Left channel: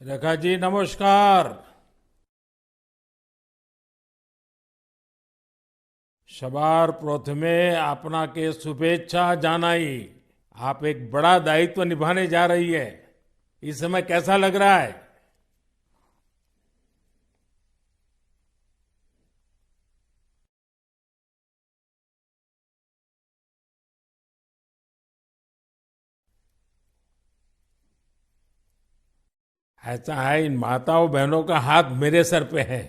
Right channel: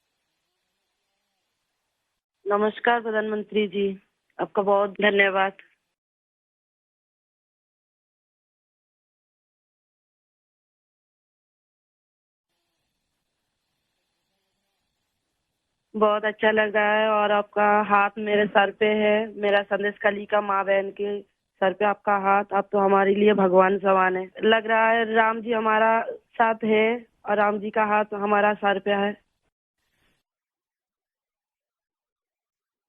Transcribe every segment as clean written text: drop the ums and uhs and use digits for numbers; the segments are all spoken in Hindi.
रेखा जी नमस्कार। नमस्कार प्रधानमंत्री जी। आपका बहुत धन्यवाद। सवार प्रथमे अपना के शुभेच्छा जानाई। आप एक बड़ा दायित्व निभाने जा रही है। इस समय कैसा लग रहा है? बहुत अच्छा लग रहा है और आपका हाथ मेरे सर पे है। मेरा संदेश कली का माँ बहन के सर पे आपका हाथ, आप तो हमारे लिए भगवान समान है। लग रहा है राम जी हमारा साथ है और राम जी का हाथ हमारा सर पे है। ऐसा है, इन माताओं बहनों का हाथ मेरे सर पे है।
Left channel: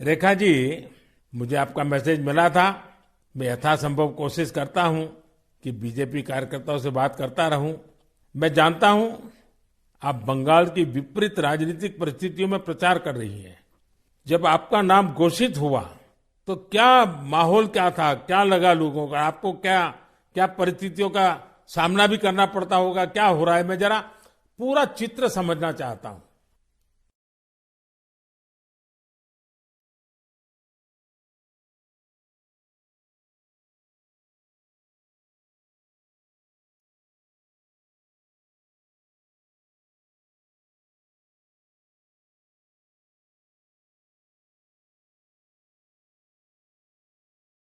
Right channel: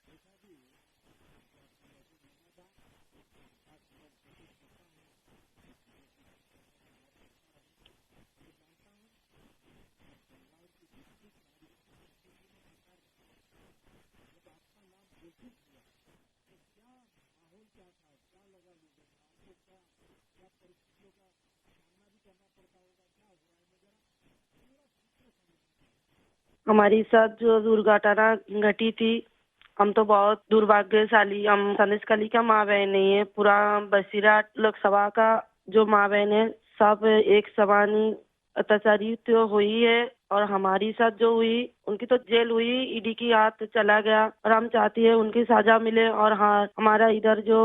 रेखा जी, मुझे आपका मैसेज मिला था। मैं यथासंभव कोशिश करता हूं कि बीजेपी कार्यकर्ताओं से बात करता रहूं। मैं जानता हूं आप बंगाल की विपरीत राजनीतिक परिस्थितियों में प्रचार कर रही हैं। जब आपका नाम घोषित हुआ तो क्या माहौल क्या था, क्या लगा लोगों का? आपको क्या क्या परिस्थितियों का सामना भी करना पड़ता होगा? क्या हो रहा है, मैं जरा पूरा चित्र समझना चाहता हूँ। हमारी साथ जो दुर्घटना घटी थी, हम तो बहुत दुर्भाग्यशाली, हम संदेश कली का माँ बहन नहीं है। पूरा बसीरा लोकसभा का जो माँ बहन है, सब एक समान ही अत्याचारी तो हुई है। और हमारी साथ जो हुई, उनकी तो जेल हुई, ईडी की हाथ चला गया और हम चाहती है उनकी सजा मिले। और हाँ, हमारा इधर जो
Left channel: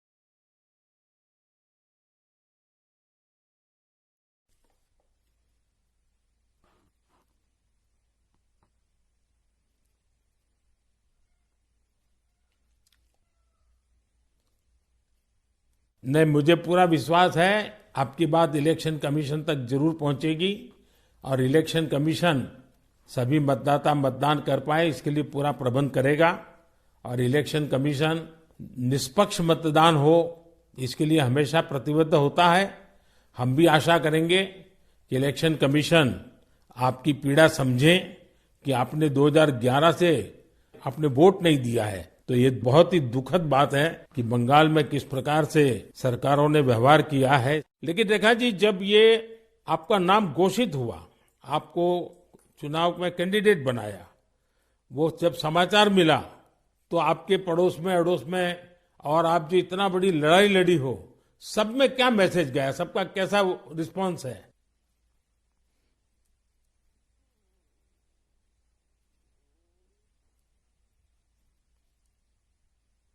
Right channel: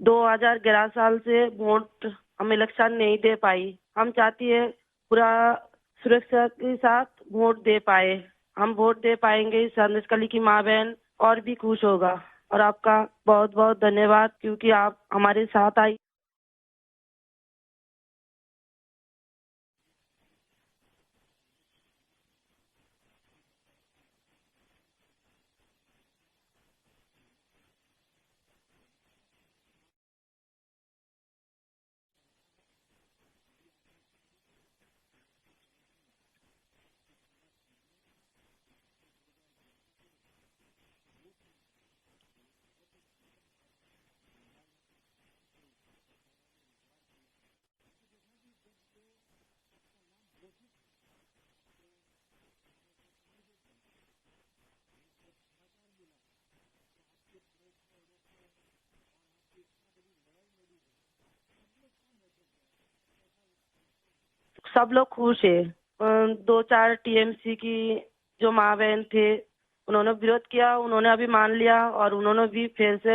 2011 साल से वोट हम इलेक्शन नहीं दे पाई, हम चाहती है पूरा सुरक्षा के साथ वोट दे पाए। हम वोट दे पाएंगे, संदेश कली की माँ बहन और भी खुश होगा। और आपका बहुत बहुत धन्यवाद, क्योंकि आप हमारे साथ आई। नहीं, मुझे पूरा विश्वास है आपकी बात इलेक्शन कमीशन तक जरूर पहुंचेगी और इलेक्शन कमीशन सभी मतदाता मतदान कर पाए इसके लिए पूरा प्रबंध करेगा। और इलेक्शन कमीशन निष्पक्ष मतदान हो इसके लिए हमेशा प्रतिबद्ध होता है। हम भी आशा करेंगे कि इलेक्शन कमीशन आपकी पीड़ा समझे कि आपने 2011 से आपने वोट नहीं दिया है। तो ये बहुत ही दुखद बात है कि बंगाल में किस प्रकार से सरकारों ने व्यवहार किया है। लेकिन रेखा जी, जब ये आपका नाम घोषित हुआ, आपको चुनाव में कैंडिडेट बनाया, वो जब समाचार मिला तो आपके पड़ोस में अड़ोस में और आप जो इतना बड़ी लड़ाई लड़ी हो, सब में क्या मैसेज गया? सबका कैसा रिस्पॉन्स है? सब लोग खुश है। दो चार टीएमसी की जो माँ बहन थे, उन्होंने विरोध किया, उन्होंने अभी मान लिया और उन्होंने भी फिर से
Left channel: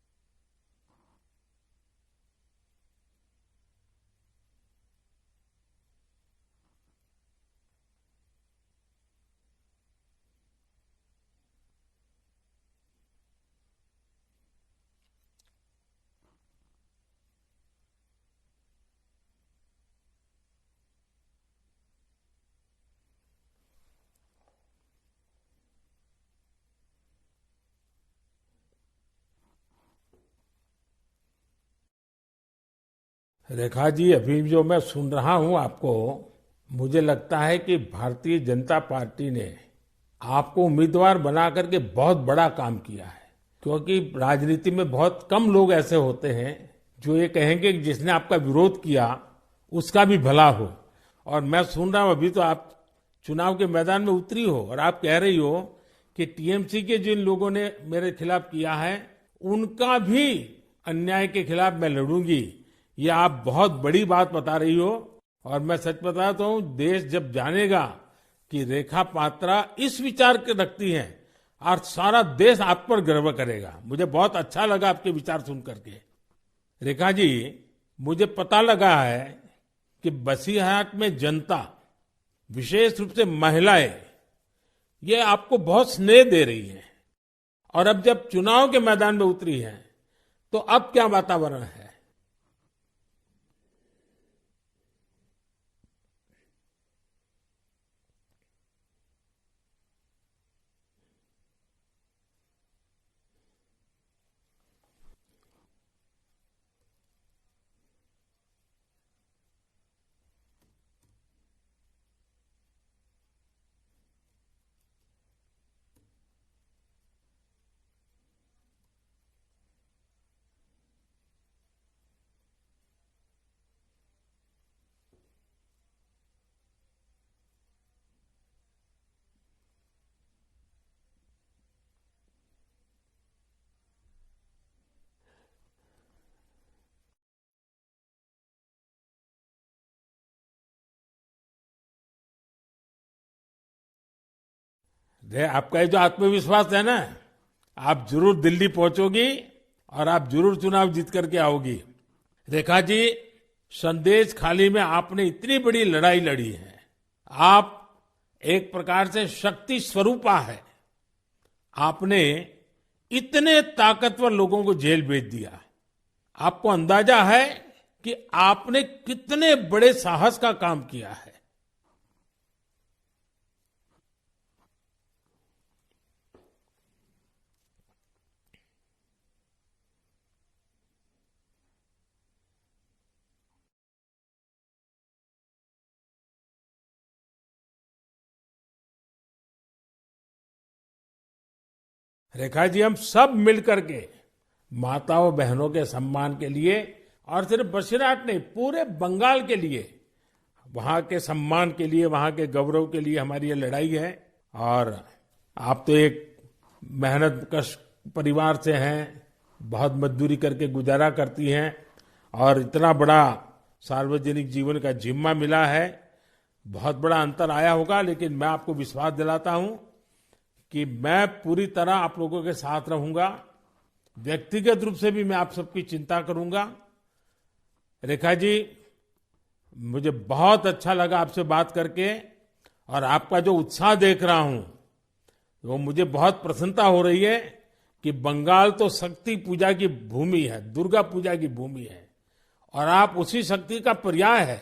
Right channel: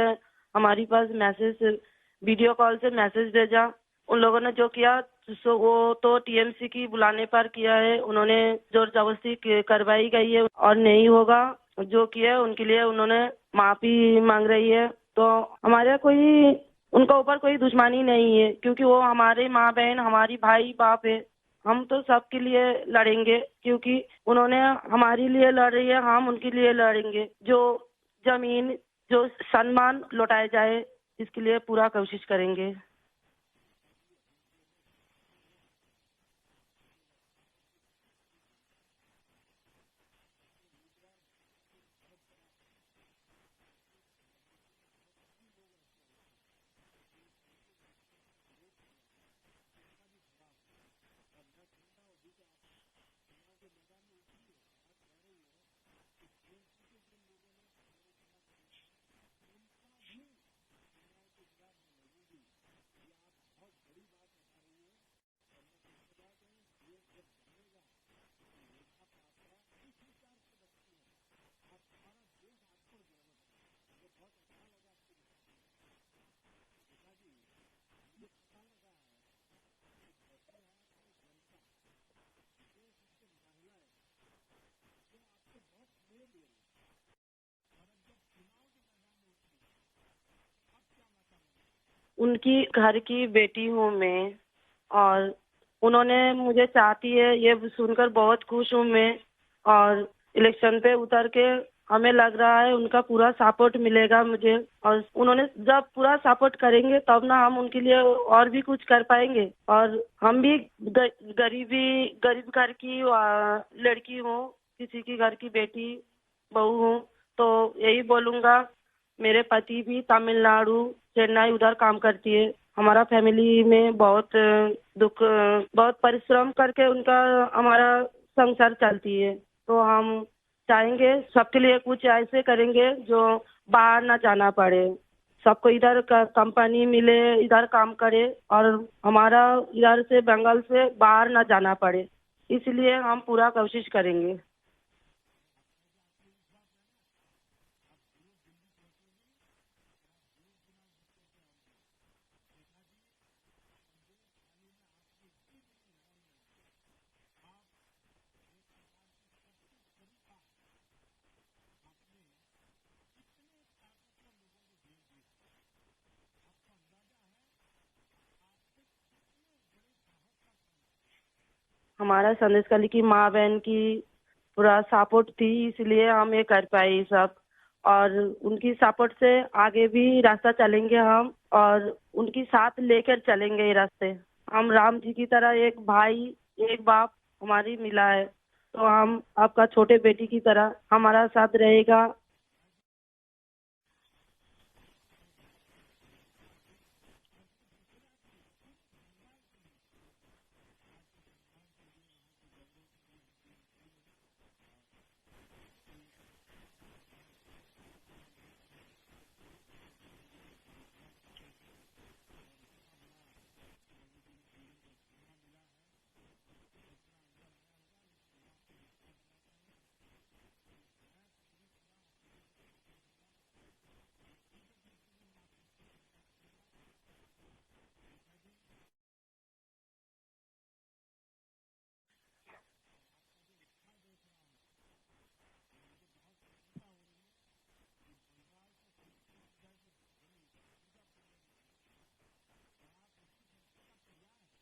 हमारी पास मैसेज, वीडियो कॉल से मैसेज भेजा। उन लोगों ने जो किया सो वो तो टीएमसी की बुलाने पर किया है। उन्होंने जोर जबरदस्ती करवाई गई है और नहीं होगा। जो किया है उनके लिए उन्होंने माफी मांग रही है। तो हमारे कोई उनका ऊपर कोई दुश्मनी नहीं है, क्योंकि वो हमारे माँ बहन, हमारी भाई बाप है। हम तो सबके लिए लड़ेंगे, क्योंकि उन्होंने हमारे लिए लड़ रही है, हम उनके लिए लड़ेंगे। जो जमीन, जो सम्मान लौटाया जाए, इसके लिए पूरा कोशिश करेंगे। रेखा जी, अभी जो मैं सुन रहा हूं आपको, मुझे लगता है कि भारतीय जनता पार्टी ने आपको उम्मीदवार बना करके बहुत बड़ा काम किया है। क्योंकि राजनीति में बहुत कम लोग ऐसे होते हैं जो ये कहेंगे कि जिसने आपका विरोध किया उसका भी भला हो। और मैं सुन रहा हूं, अभी तो आप चुनाव के मैदान में उतरी हो और आप कह रही हो कि टीएमसी के जिन लोगों ने मेरे खिलाफ किया है उनका भी अन्याय के खिलाफ मैं लड़ूंगी। ये आप बहुत बड़ी बात बता रही हो। और मैं सच बताता हूँ, देश जब जानेगा कि रेखा पात्रा इस विचार के रखती हैं और सारा देश आप पर गर्व करेगा। मुझे बहुत अच्छा लगा आपके विचार सुन करके। रेखा जी, मुझे पता लगा है कि बसीरहाट में जनता, विशेष रूप से महिलाएं, ये आपको बहुत स्नेह दे रही हैं। और अब जब चुनाव के मैदान में उतरी हैं तो अब क्या वातावरण है? उनकी घर की बेटी हूँ मैं, और उन्होंने मुझे चाहती है, ये सुनकर बहुत खुश हूँ मैं। और इलेक्शन पे उतर के हमें लग रहा है उनका पूरा सपोर्ट मिलेगा मुझे। और उन्होंने जब पूरा सपोर्ट करेंगे तब ना हम उनके लिए और भी कुछ कर पाएंगे। और हम भी गरीब घर की लड़की हूँ, किसी की घर की बेटी बहू हूँ। तो यही बोलूंगा, मेरे पति भी तमिलनाडु, चेन्नई उधर काम करती है। हमारा फैमिली में बहुत बहुत परिश्रम करके उनका हमारा संसार चलती है। तो हम चाहेंगे सबके लिए कुछ ऐसे करेंगे जो बाहर ना जाना पड़े, सबको इधर का कंपनी मिले, इधर काम करे और हमारा इधर से बंगाल से बाहर ना जाना पड़े। इसलिए हम पूरा कोशिश करेंगे। आपका ये जो आत्मविश्वास है ना, आप जरूर दिल्ली पहुंचोगी और आप जरूर चुनाव जीत करके आओगी। रेखा जी, संदेश खाली में आपने इतनी बड़ी लड़ाई लड़ी है। आप एक प्रकार से शक्ति स्वरूपा है। आपने इतने ताकतवर लोगों को जेल भेज दिया। आपको अंदाजा है कि आपने कितने बड़े साहस का काम किया है। हमारा संदेश खाली की माँ बहन की पूरा सपोर्ट थी, इसलिए हम ये कर पाए ये सब। और उनकी सपोर्ट से आगे भी रास्ता चलेंगे हम, और उनकी साथ लेकर चलेंगे ये रास्ते। हम राम जी की तरह एक भाई एक बाप हमारी मिला है, तो हम आपका छोटे बेटी की तरह हमारा साथ रहेगा। रेखा जी, हम सब मिल करके माताओं बहनों के सम्मान के लिए, और सिर्फ बसीरहाट नहीं, पूरे बंगाल के लिए, वहां के सम्मान के लिए, वहां के गौरव के लिए हमारी ये लड़ाई है। और आप तो एक मेहनत कश परिवार से हैं, बहुत मजदूरी करके गुजारा करती हैं, और इतना बड़ा सार्वजनिक जीवन का जिम्मा मिला है। बहुत बड़ा अंतर आया होगा, लेकिन मैं आपको विश्वास दिलाता हूं कि मैं पूरी तरह आप लोगों के साथ रहूंगा। व्यक्तिगत रूप से भी मैं आप सबकी चिंता करूंगा। रेखा जी, मुझे बहुत अच्छा लगा आपसे बात करके, और आपका जो उत्साह देख रहा हूं वो मुझे बहुत प्रसन्नता हो रही है कि बंगाल तो शक्ति पूजा की भूमि है, दुर्गा पूजा की भूमि है, और आप उसी शक्ति का पर्याय है।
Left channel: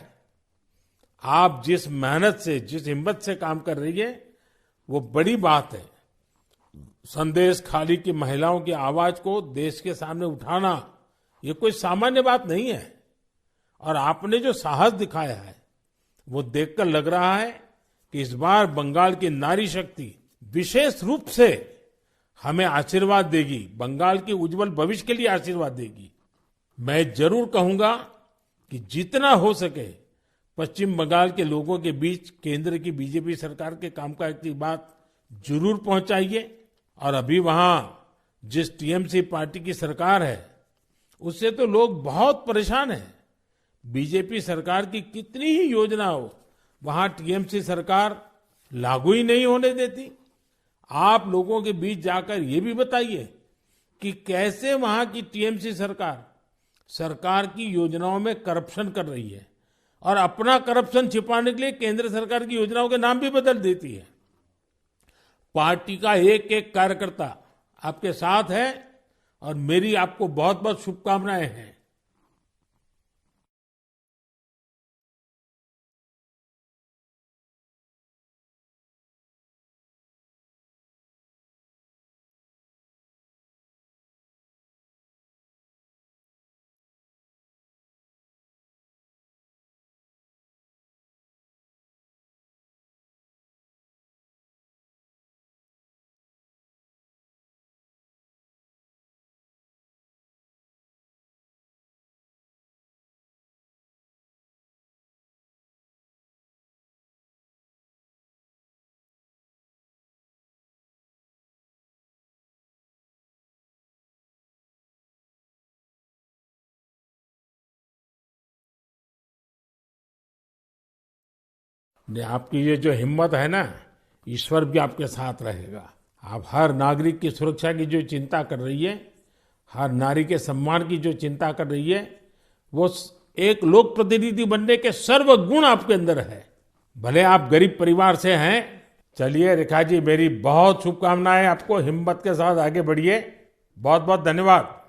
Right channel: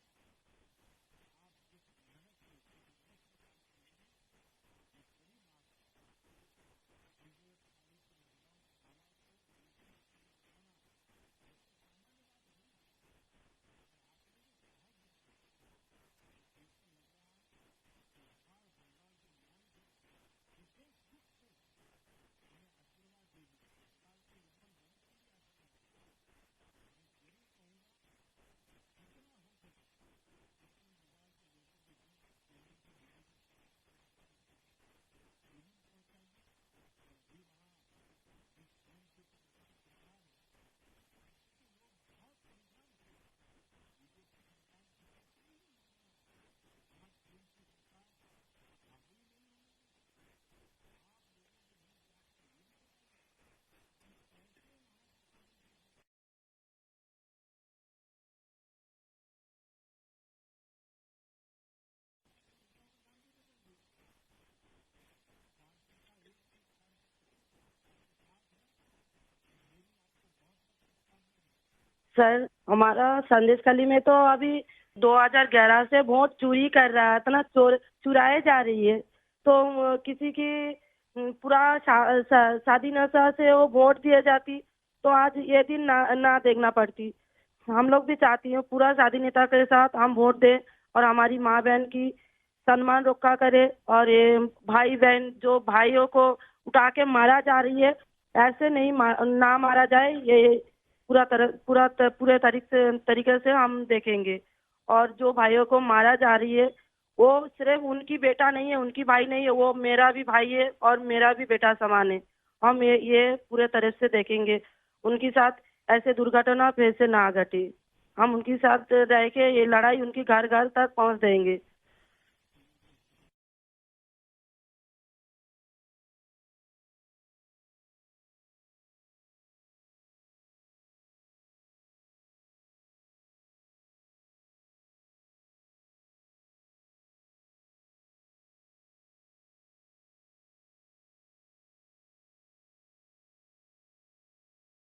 आप जिस मेहनत से, जिस हिम्मत से काम कर रही है, वो बड़ी बात है। संदेश खाली की महिलाओं की आवाज को देश के सामने उठाना ये कोई सामान्य बात नहीं है। और आपने जो साहस दिखाया है वो देखकर लग रहा है कि इस बार बंगाल की नारी शक्ति विशेष रूप से हमें आशीर्वाद देगी, बंगाल के उज्जवल भविष्य के लिए आशीर्वाद देगी। मैं जरूर कहूंगा कि जितना हो सके पश्चिम बंगाल के लोगों के बीच केंद्र की बीजेपी सरकार के कामकाज की बात जरूर पहुंचाइए। और अभी वहां जिस टीएमसी पार्टी की सरकार है उससे तो लोग बहुत परेशान हैं। बीजेपी सरकार की कितनी ही योजना हो, वहां टीएमसी सरकार लागू ही नहीं होने देती। आप लोगों के बीच जाकर ये भी बताइए कि कैसे वहां की टीएमसी सरकार की योजनाओं में करप्शन कर रही है, और अपना करप्शन छिपाने के लिए केंद्र सरकार की योजनाओं के नाम भी बदल देती है। पार्टी का एक एक कार्यकर्ता आपके साथ है, और मेरी आपको बहुत बहुत शुभकामनाएं हैं। सर, हमारा संदेश खाली में तो अभी 2011 से वोट चोरी कर रहा है, इतना चुराए जा रही है। तो किसी की पूरा शादी नशा से वो वोट दिए जाती, तो आज ये दिन ना देखना पड़ती। हम लोग भी चाहती हैं पूरा शादी नेता के साथ हम वोट दें, और हमारी माँ बहन की सम्मान रक्षा करे। और ये भाई बहन जो भाइयों को उठा के मारा जा रही है, ऐसे नहीं ना मारा जाए, ये पूरे तरीके से हम देखेंगे। और जो भाइयों को मारा जा रही है वो सिर्फ उनकी बेटा नहीं है, उनकी भाई नहीं है, वो मेरा भी भाई है और मेरा भी बेटा समान है। हम ये पूरे तरह से देखेंगे, उनके साथ ऐसे दुर्घटना फिर से ना घटे। हम उनके साथ रह के ये लड़ाई उनकी घर घर तक पहुंच देंगे। आपकी ये जो हिम्मत है ना, ईश्वर भी आपके साथ रहेगा। आप हर नागरिक की सुरक्षा की जो चिंता कर रही है, हर नारी के सम्मान की जो चिंता कर रही है, वो एक लोक प्रतिनिधि बनने के सर्व गुण आपके अंदर है। भले आप गरीब परिवार से हैं। चलिए रेखा जी, मेरी बहुत शुभकामनाएं आपको, हिम्मत के साथ आगे बढ़िए। बहुत बहुत धन्यवाद।